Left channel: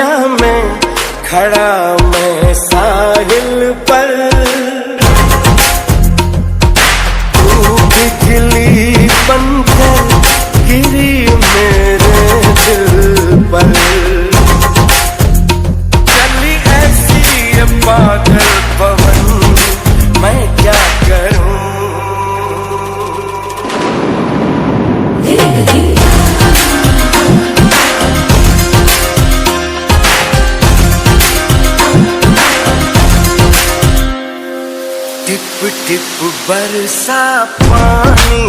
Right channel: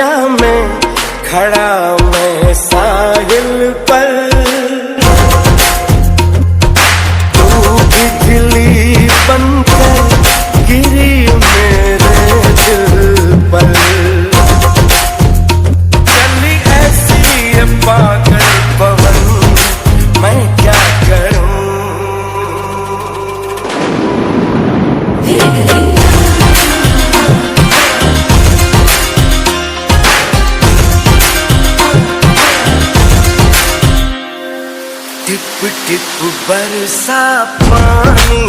दरिया में खड़ा मैं साहिल पर, तू बिजली बनकर गिरी मेरे दिल पर। चली ऐसी ये पागल पवन, मैं क्या करूं। टिप टिप बरसा पानी,